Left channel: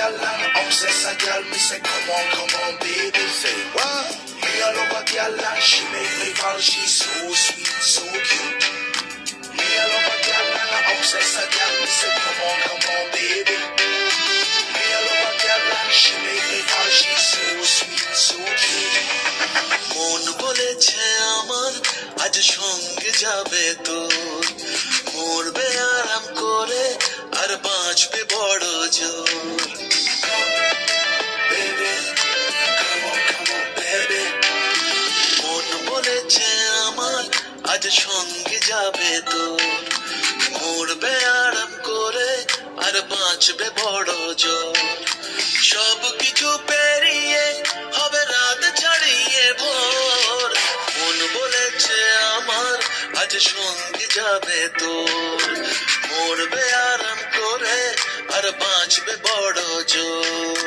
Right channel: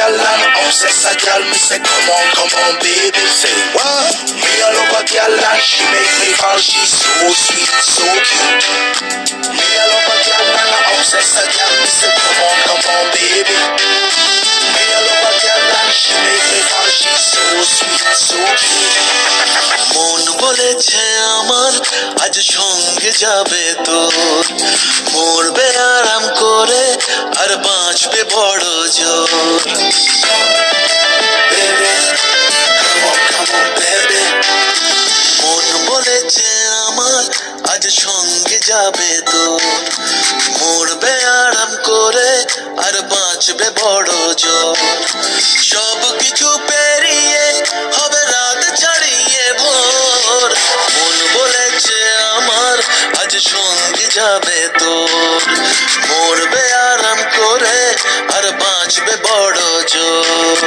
girl and obsess a girl. Me say come on, baby. Say what? Me a love a girl and she make me fall. She's so sweet, so cute. Me a love a girl and obsess a girl. Me say come on, baby. Me a love a girl and she make me fall. She's so sweet, so cute. মন বলেছে আমার আজ সঙ্গে যাবে তোর, মরবে আরাম করে আর বাঁচবে বড় জোর। মন বলেছে আমার আজ সঙ্গে যাবে তোর, মরবে আরাম করে আর বাঁচবে বড় জোর। সব কিছু পেরিয়ে হবে রাত ছাড়িয়ে ভোর, মন বলেছে আমার আজ সঙ্গে যাবে তোর, মরবে আরাম করে আর বাঁচবে বড় জোর।